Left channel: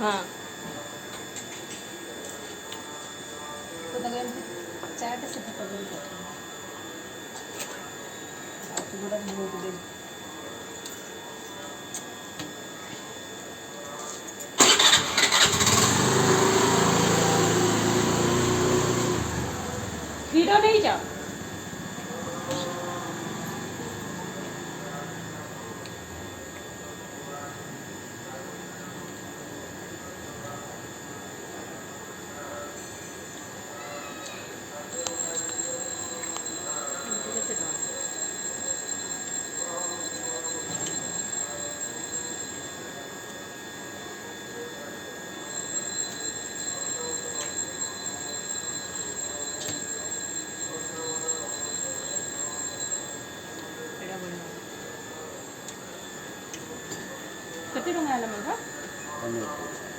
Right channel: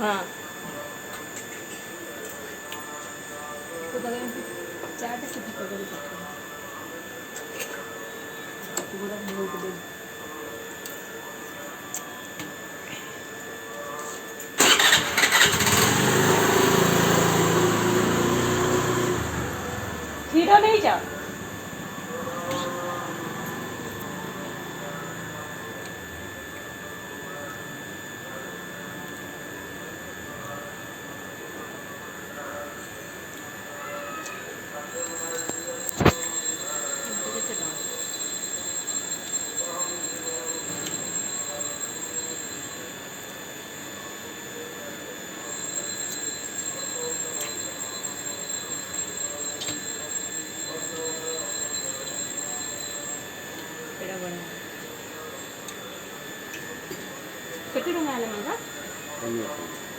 हाँ तो चाट से खीरो नहीं जाओ କେତେ ଟଙ୍କା ହେଲା ମାତ୍ର?